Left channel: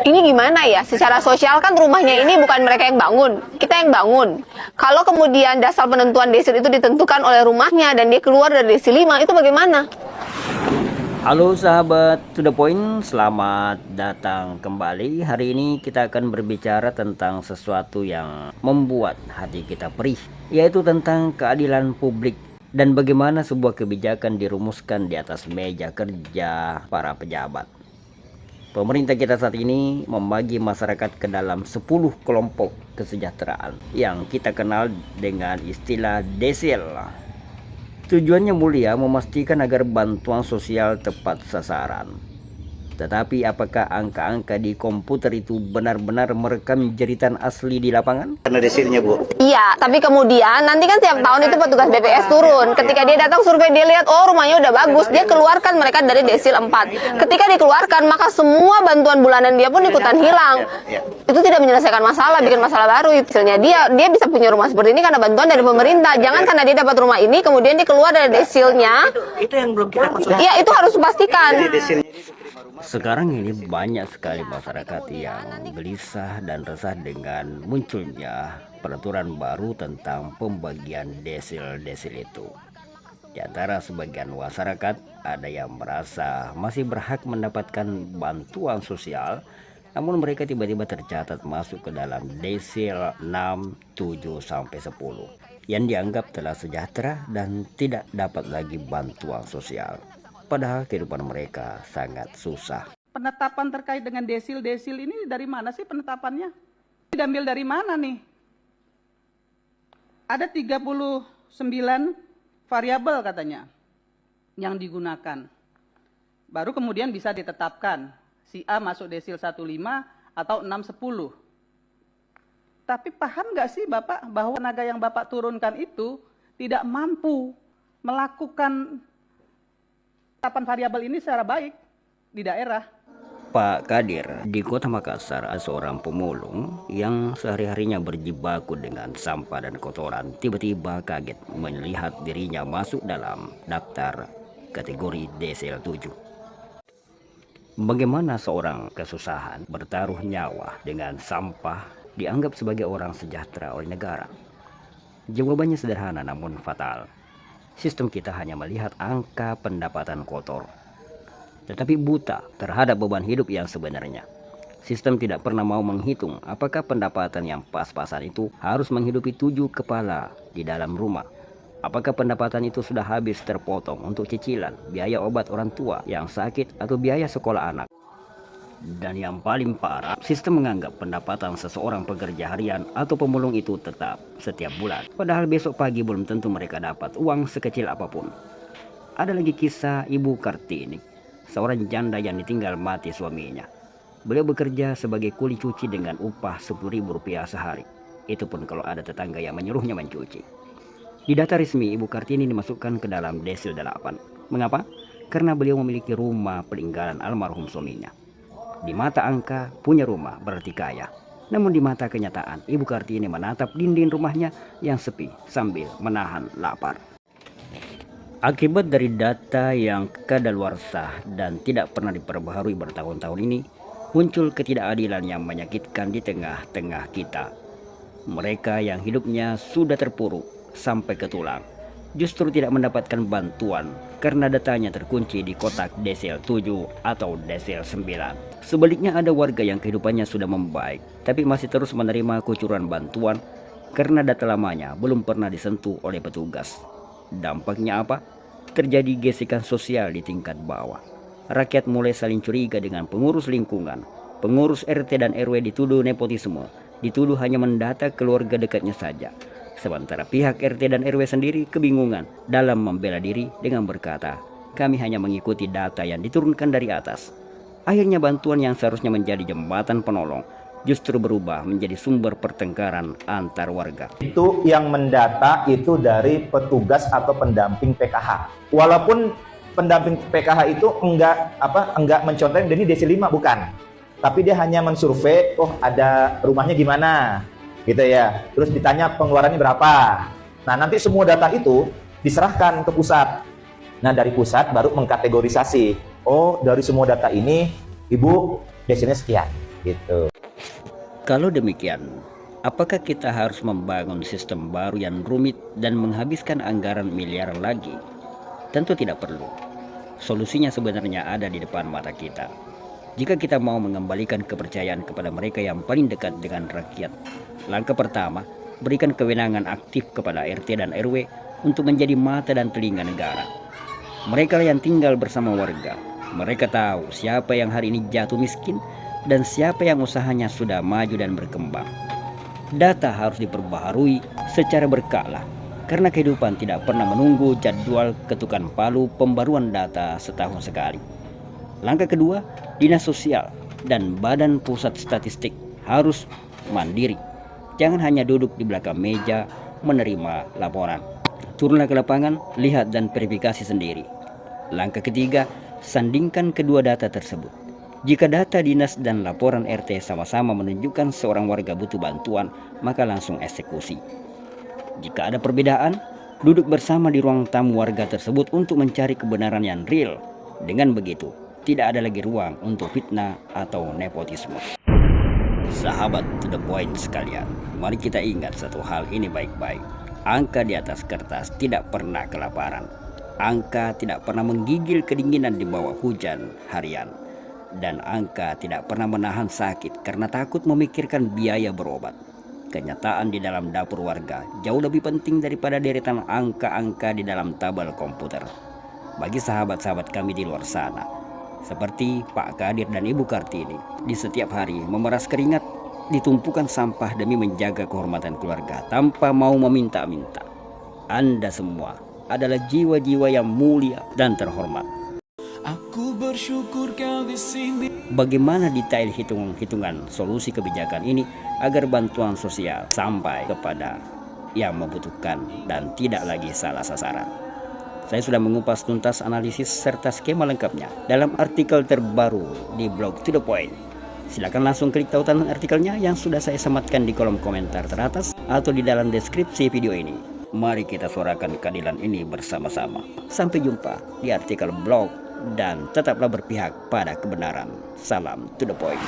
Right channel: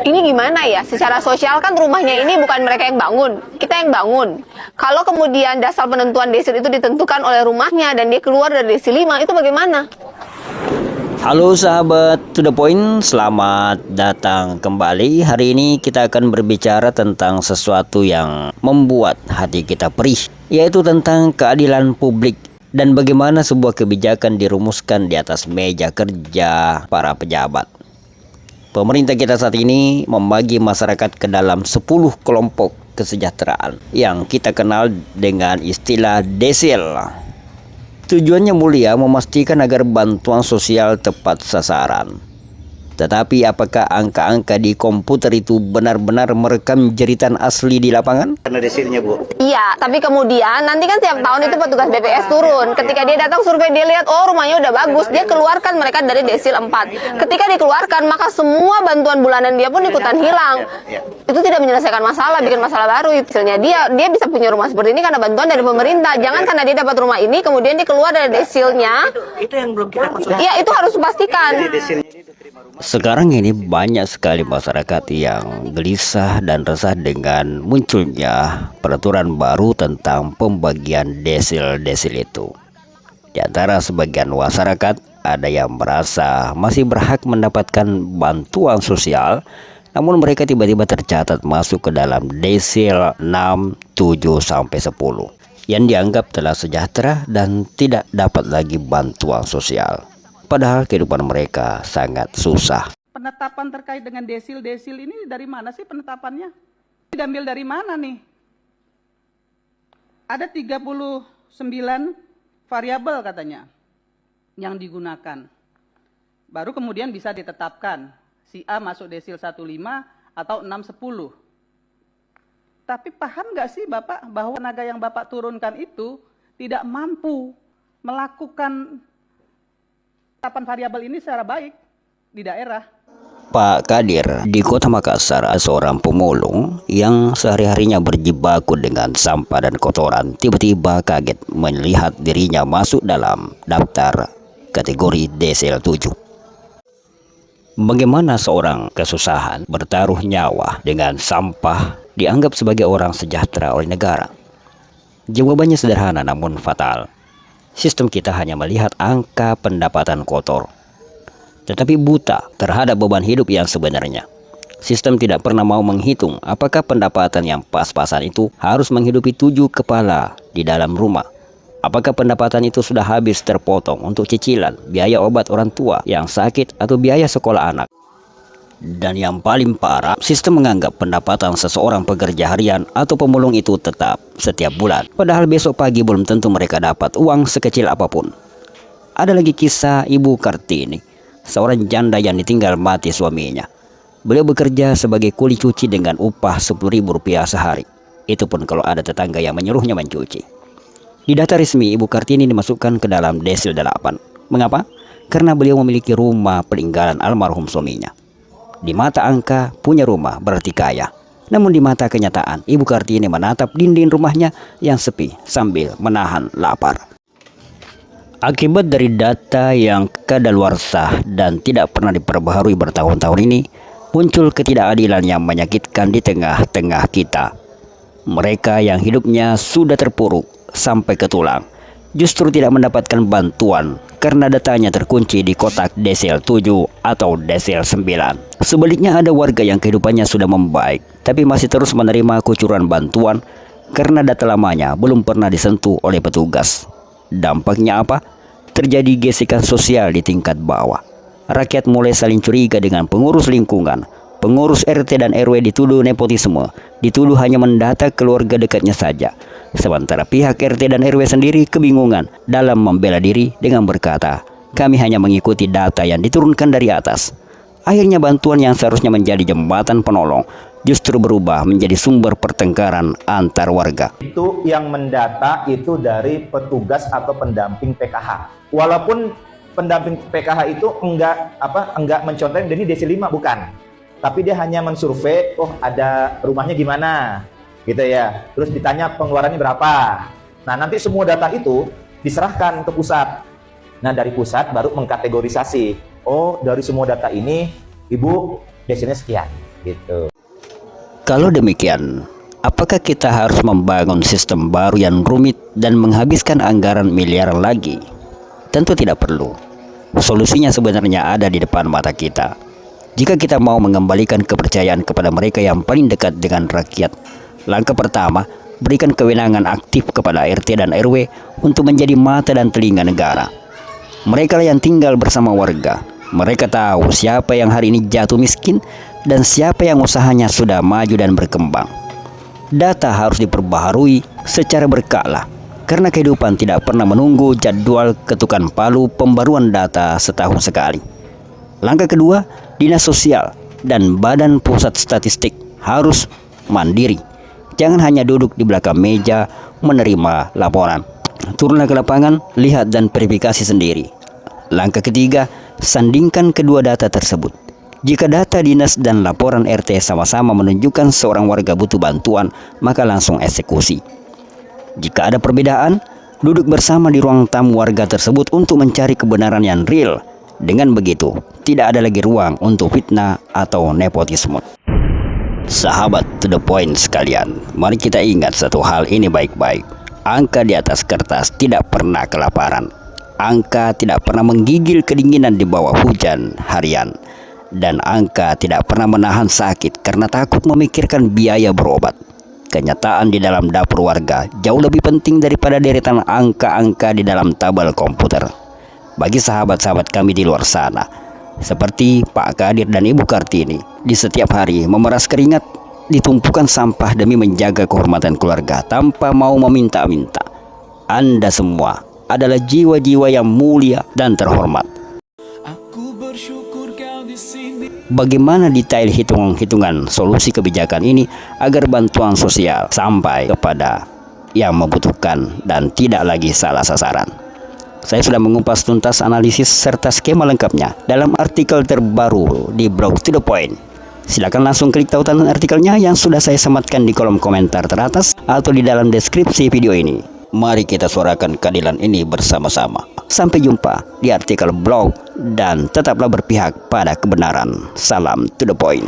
Ini gimana ya? Secara sosial kan rumahnya ini bukan mereka yang bangun, kita yang bangun. Kalau kemudian dasar penentuan desil itu ditentukan oleh rumahnya dan dia keluar dari desil 5, itu bagaimana? Halo sahabat To The Point, selamat datang kembali. Hari ini kita akan berbicara tentang sesuatu yang membuat hati kita perih, yaitu tentang keadilan publik dan bagaimana sebuah kebijakan dirumuskan di atas meja kerja para pejabat. Pemerintah kita saat ini membagi masyarakat ke dalam 10 kelompok kesejahteraan yang kita kenal dengan istilah desil. Tujuannya mulia, memastikan agar bantuan sosial tepat sasaran. Tetapi apakah angka-angka di komputer itu benar-benar merekam jeritan asli di lapangan? Karena desilnya, Bu. Iya, tapi kemudian nanti kan tiap tahun itu petugas BPS turun. Ketika dia datang survei, dia lihat, oh rumahnya udah bagus, dia keluarkan mereka dari desil 4. Ketika dikeluarkan, maka semua bantuan bulanan dia pun ikutan hilang. Itu tidak menyelesaikan masalah, bikin masalah baru. Hasilnya dia bisa punya rumah seperti ini karena bantuan dari pemerintah. Jangan karena dia dapat rumah ini, kemudian dia keluar dari desilnya. Itu yang belum kita konsultasi. Iya, itu harus dipastikan. Sekarang ini banyak sekali masyarakat yang gelisah dan resah dengan munculnya peraturan baru tentang pembagian desil-desil itu. Di antara sebagian masyarakat, ada yang merasa masih berhak mendapatkan bantuan sosial, namun mereka tiba-tiba tercatat masuk ke dalam desil 6, 7, sampai 10 yang dianggap telah sejahtera dan tidak dapat lagi bantuan sosial. Padahal kehidupan mereka sangat susah. Penetapan terkait dengan desil-desil ini dari mana sih penetapannya? Diambil dari mana nih? Ada 39 variabel katanya yang digunakan. Baru kemudian bisa ditetapkan si A masuk desil 15 atau 610. Tapi paham nggak sih Bapak bahwa tenaga yang Bapak turunkan itu tidak mampu melakukan penetapan variabel ini secara baik di daerah. Pak Kadir di Kota Makassar, seorang pemulung yang sehari-harinya berjibaku dengan sampah dan kotoran, tiba-tiba kaget melihat dirinya masuk dalam daftar kategori desil 7. Bagaimana seorang kesusahan bertaruh nyawa dengan sampah dianggap sebagai orang sejahtera oleh negara? Jawabannya sederhana namun fatal. Sistem kita hanya melihat angka pendapatan kotor, tetapi buta terhadap beban hidup yang sebenarnya. Sistem tidak pernah mau menghitung apakah pendapatan yang pas-pasan itu harus menghidupi 7 kepala di dalam rumah. Apakah pendapatan itu sudah habis terpotong untuk cicilan, biaya obat orang tua yang sakit, atau biaya sekolah anak. Dan yang paling parah, sistem menganggap pendapatan seseorang pekerja harian atau pemulung itu tetap setiap bulan. Padahal besok pagi belum tentu mereka dapat uang sekecil apapun. Ada lagi kisah Ibu Kartini, seorang janda yang ditinggal mati suaminya. Beliau bekerja sebagai kuli cuci dengan upah Rp10.000 sehari. Itu pun kalau ada tetangga yang menyuruhnya mencuci. Di data resmi, Ibu Kartini dimasukkan ke dalam desil 8. Mengapa? Karena beliau memiliki rumah peninggalan almarhum suaminya. Di mata angka, punya rumah berarti kaya. Namun di mata kenyataan, Ibu Kartini menatap dinding rumahnya yang sepi sambil menahan lapar. Akibat dari data yang kadaluarsa dan tidak pernah diperbaharui bertahun-tahun ini, muncul ketidakadilan yang menyakitkan di tengah-tengah kita. Mereka yang hidupnya sudah terpuruk sampai ke tulang, justru tidak mendapatkan bantuan karena datanya terkunci di kotak desil 7 atau desil 9. Sebaliknya ada warga yang kehidupannya sudah membaik, tapi masih terus menerima kucuran bantuan karena data lamanya belum pernah disentuh oleh petugas. Dampaknya apa? Terjadi gesekan sosial di tingkat bawah. Rakyat mulai saling curiga dengan pengurus lingkungan. Pengurus RT dan RW dituduh nepotisme, dituduh hanya mendata keluarga dekatnya saja. Sementara pihak RT dan RW sendiri kebingungan dalam membela diri dengan berkata, kami hanya mengikuti data yang diturunkan dari atas. Akhirnya bantuan yang seharusnya menjadi jembatan penolong justru berubah menjadi sumber pertengkaran antar warga. Itu yang mendata itu dari petugas atau pendamping PKH. Walaupun pendamping PKH itu enggak mencontohkan ini desil 5 bukan. Tapi dia hanya mensurvei, oh ada rumahnya gimana gitu ya. Terus ditanya pengeluarannya berapa. Nah, nanti semua data itu diserahkan ke pusat. Nah, dari pusat baru mengkategorisasi. Oh, dari semua data ini Ibu desilnya sekian. gitu. Kalau demikian, apakah kita harus membangun sistem baru yang rumit dan menghabiskan anggaran miliaran lagi? Tentu tidak perlu. Solusinya sebenarnya ada di depan mata kita. Jika kita mau mengembalikan kepercayaan kepada mereka yang paling dekat dengan rakyat, langkah pertama, berikan kewenangan aktif kepada RT dan RW untuk menjadi mata dan telinga negara. Mereka yang tinggal bersama warga, mereka tahu siapa yang hari ini jatuh miskin dan siapa yang usahanya sudah maju dan berkembang. Data harus diperbaharui secara berkala, karena kehidupan tidak pernah menunggu jadwal ketukan palu pembaruan data setahun sekali. Langkah kedua, Dinas Sosial dan Badan Pusat Statistik harus mandiri. Jangan hanya duduk di belakang meja menerima laporan. Turunlah ke lapangan, lihat dan verifikasi sendiri. Langkah ketiga, sandingkan kedua data tersebut. Jika data dinas dan laporan RT sama-sama menunjukkan seorang warga butuh bantuan, maka langsung eksekusi. Jika ada perbedaan, duduk bersama di ruang tamu warga tersebut untuk mencari kebenaran yang real. Dengan begitu, tidak ada lagi ruang untuk fitnah atau nepotisme. Sahabat to the point sekalian, mari kita ingat satu hal ini baik-baik. Angka di atas kertas tidak pernah kelaparan. Angka tidak pernah menggigil kedinginan di bawah hujan harian. Dan angka tidak pernah menahan sakit karena takut memikirkan biaya berobat. Kenyataan di dalam dapur warga jauh lebih penting daripada deretan angka-angka di dalam tabel komputer. Bagi sahabat-sahabat kami di luar sana, seperti Pak Kadir dan Ibu Kartini, di setiap hari memeras keringat, ditumpukan sampah demi menjaga kehormatan keluarga tanpa mau meminta-minta. Anda semua adalah jiwa-jiwa yang mulia dan terhormat. Aku bersyukur kau di sini. Bagaimana detail hitung-hitungan solusi kebijakan ini agar bantuan sosial sampai kepada yang membutuhkan dan tidak lagi salah sasaran? Saya sudah mengupas tuntas analisis serta skema lengkapnya dalam artikel terbaru di blog To The Point. Silakan langsung klik tautan artikelnya yang sudah saya sematkan di kolom komentar teratas atau di dalam deskripsi video ini. Mari kita suarakan keadilan ini bersama-sama. Sampai jumpa di artikel blog dan tetaplah berpihak pada kebenaran. Salam To The Point.